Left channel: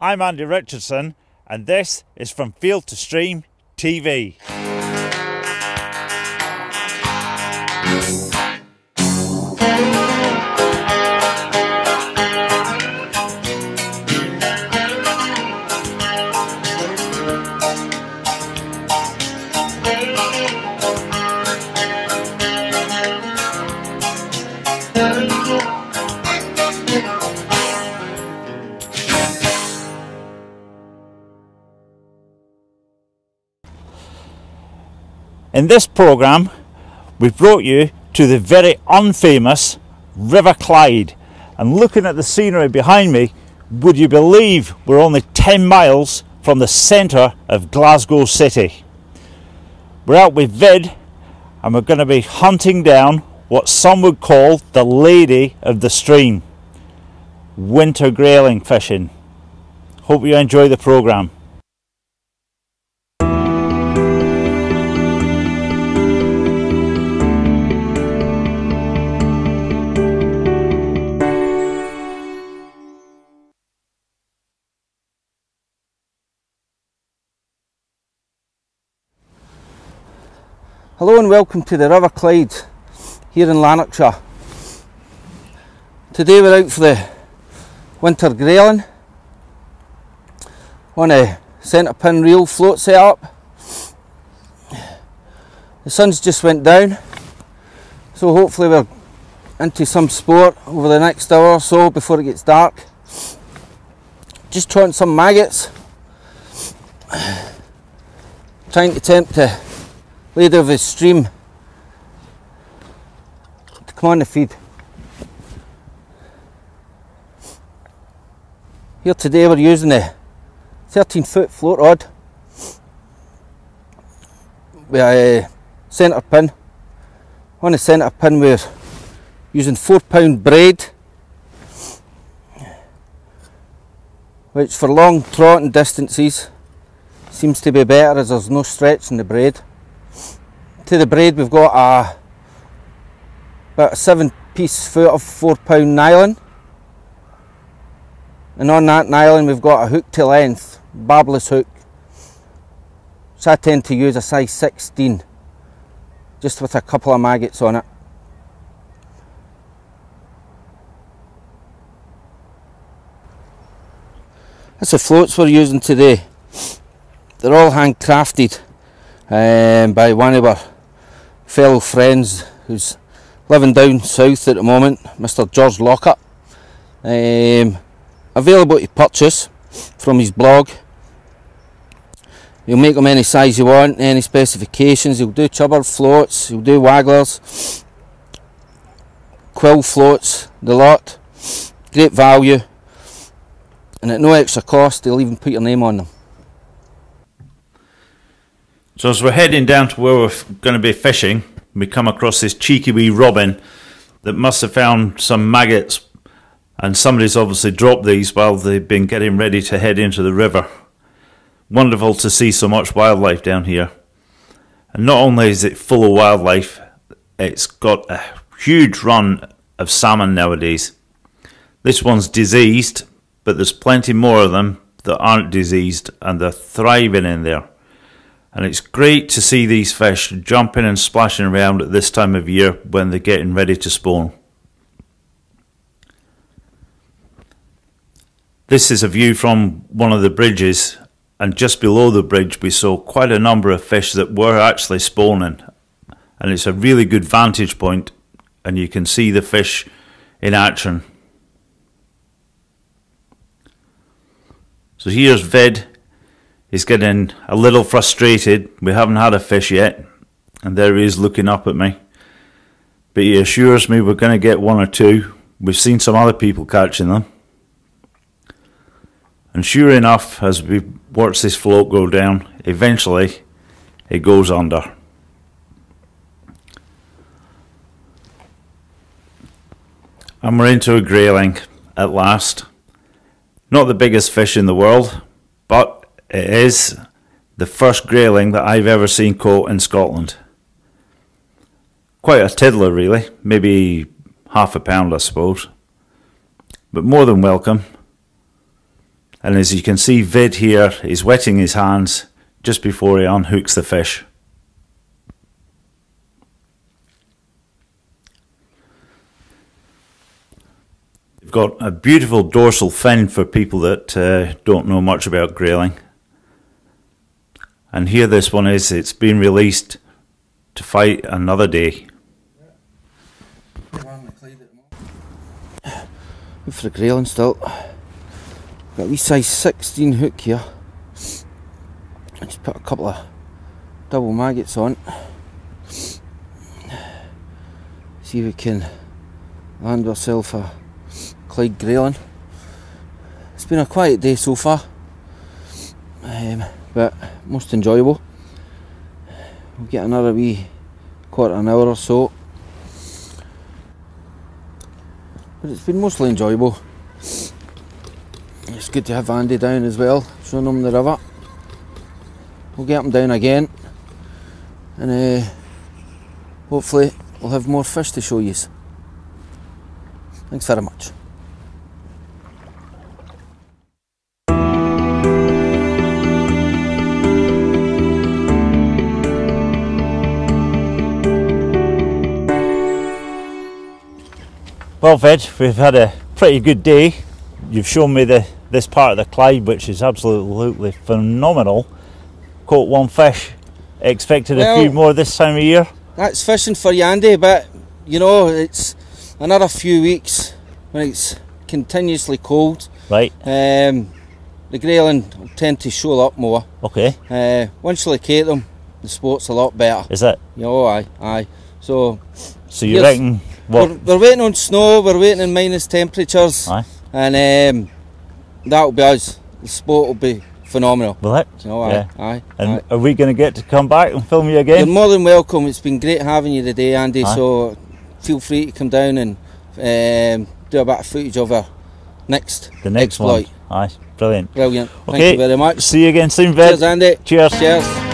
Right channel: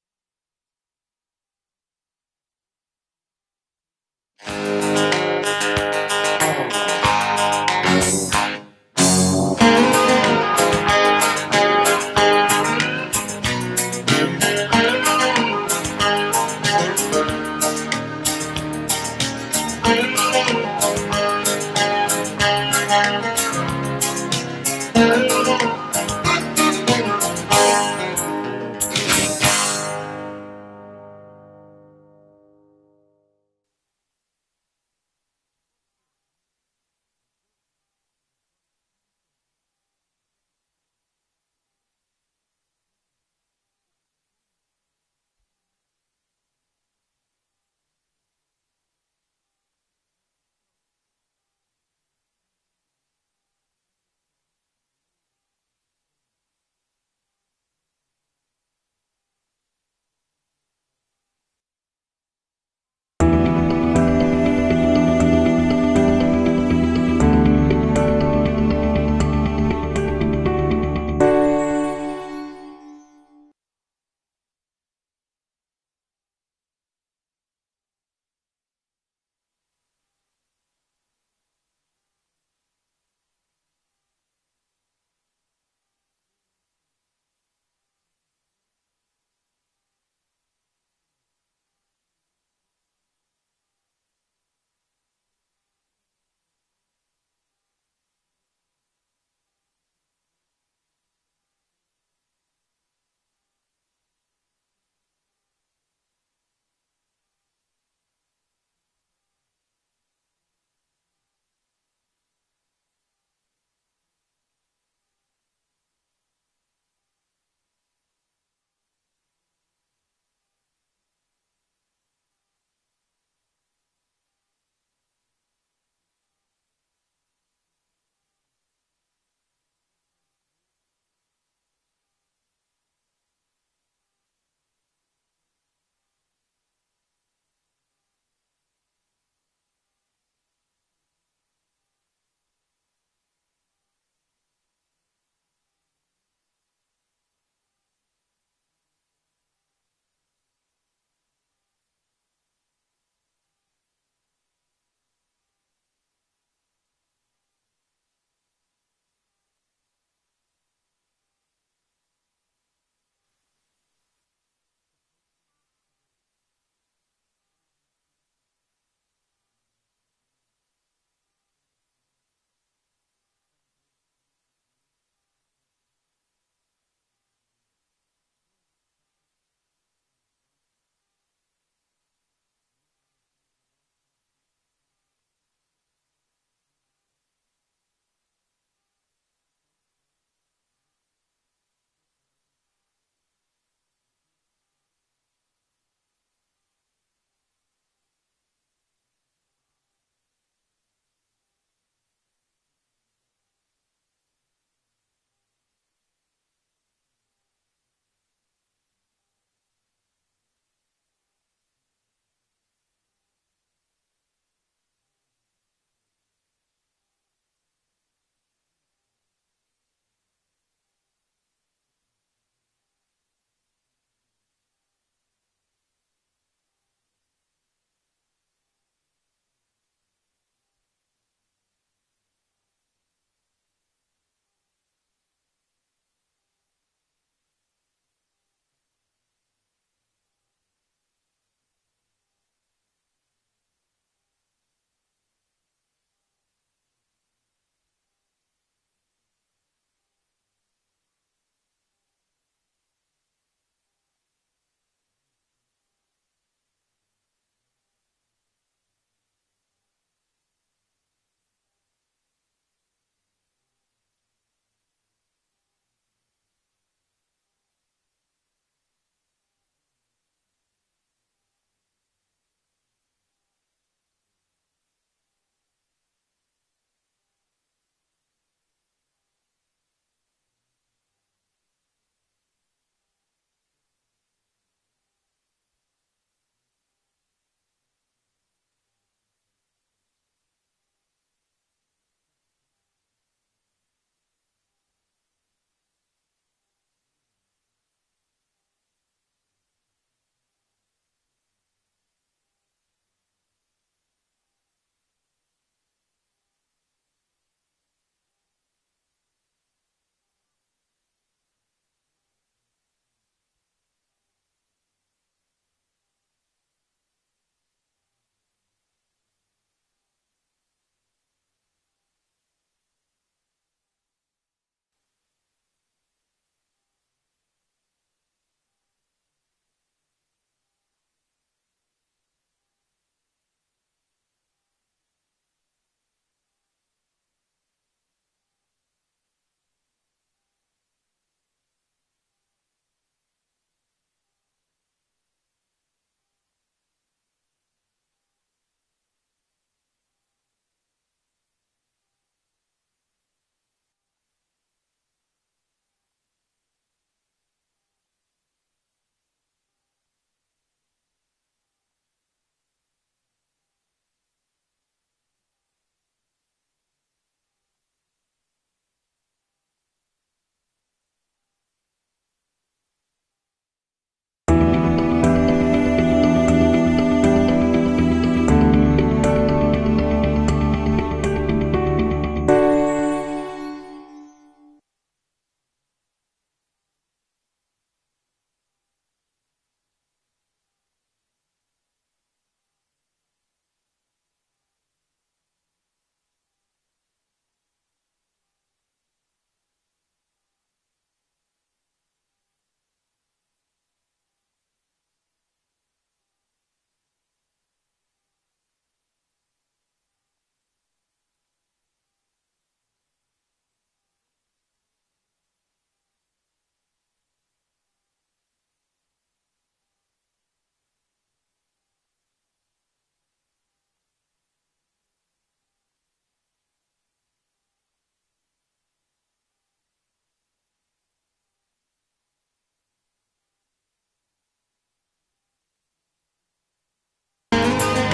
I'm Andy Richardson, and this is From Field to Stream TV. In this programme, we've brought you to the very unfamous River Clyde, and looking at the scenery behind me, would you believe we're only 10 miles from the centre of Glasgow city. We're out with Vid, and we're going to be hunting down what some would call the lady of the stream, winter grayling fishing. Hope you enjoy the programme. Hello and welcome to the River Clyde here in Lanarkshire. Today we're out for the winter grayling on a centre pin reel float setup. The sun's just went down, so hopefully we're into some sport over the next hour or so before it gets dark. Just trotting some maggots, trying to tempt the lady of the stream to come on the feed. Here today we're using a 13-foot float rod with a centre pin. On the centre pin we're using 4-pound braid, which for long trotting distances seems to be better as there's no stretch in the braid. To the braid we've got about a 7-piece foot of 4-pound nylon, and on that nylon we've got a hook to length barbless hook, which I tend to use a size 16, just with a couple of maggots on it. That's the floats we're using today. They're all handcrafted by one of our fellow friends who's living down south at the moment, Mr. George Lockhart. Available to purchase from his blog. He'll make them any size you want, any specifications. He'll do chubber floats, he'll do wagglers, quill floats, the lot. Great value, and at no extra cost he'll even put your name on them. So as we're heading down to where we're going to be fishing, we come across this cheeky wee robin that must have found some maggots, and somebody's obviously dropped these while they've been getting ready to head into the river. Wonderful to see so much wildlife down here. And not only is it full of wildlife, it's got a huge run of salmon nowadays. This one's diseased, but there's plenty more of them that aren't diseased, and they're thriving in there. And it's great to see these fish jumping and splashing around at this time of year when they're getting ready to spawn. This is a view from one of the bridges, and just below the bridge we saw quite a number of fish that were actually spawning. And it's a really good vantage point, and you can see the fish in action. So here's Vid. He's getting a little frustrated. We haven't had a fish yet, and there he is looking up at me. But he assures me we're going to get one or two. We've seen some other people catching them. And sure enough, as we watch this float go down, eventually it goes under. And we're into a grayling at last. Not the biggest fish in the world, but it is the first grayling that I've ever seen caught in Scotland. Quite a tiddler really, maybe half a pound I suppose, but more than welcome. And as you can see, Vid here is wetting his hands just before he unhooks the fish. We've got a beautiful dorsal fin for people that don't know much about grayling. And here this one is, it's been released to fight another day. Good for the grayling still. Got a wee size 16 hook here. I just put a couple of double maggots on. See if we can land ourselves a Clyde Grayling. It's been a quiet day so far, but most enjoyable. We'll get another wee quarter of an hour or so, but it's been mostly enjoyable. It's good to have Andy down as well, showing him the river. We'll get him down again, and hopefully we'll have more fish to show you. Thanks very much. Well, Vid, we've had a pretty good day. You've shown me this part of the Clyde, which is absolutely phenomenal. Caught one fish, expected a few more this time of year. That's fishing for you, Andy, but you know, it's another few weeks when it's continuously cold. Right. The grayling will tend to shoal up more. Okay. Once you locate them, the sport's a lot better. Is it? You know, aye. So you reckon what? We're waiting on snow, we're waiting on minus temperatures. Aye. And that'll be us. The sport will be phenomenal. Will it? You know, yeah. Aye. And are we going to get to come back and film you again? You're more than welcome. It's been great having you today, Andy. Aye. So feel free to come down and do a bit of footage of our next exploit. One. Aye, brilliant. Brilliant. Okay. Thank you very much. See you again soon, Vid. Cheers, Andy. Cheers. Cheers.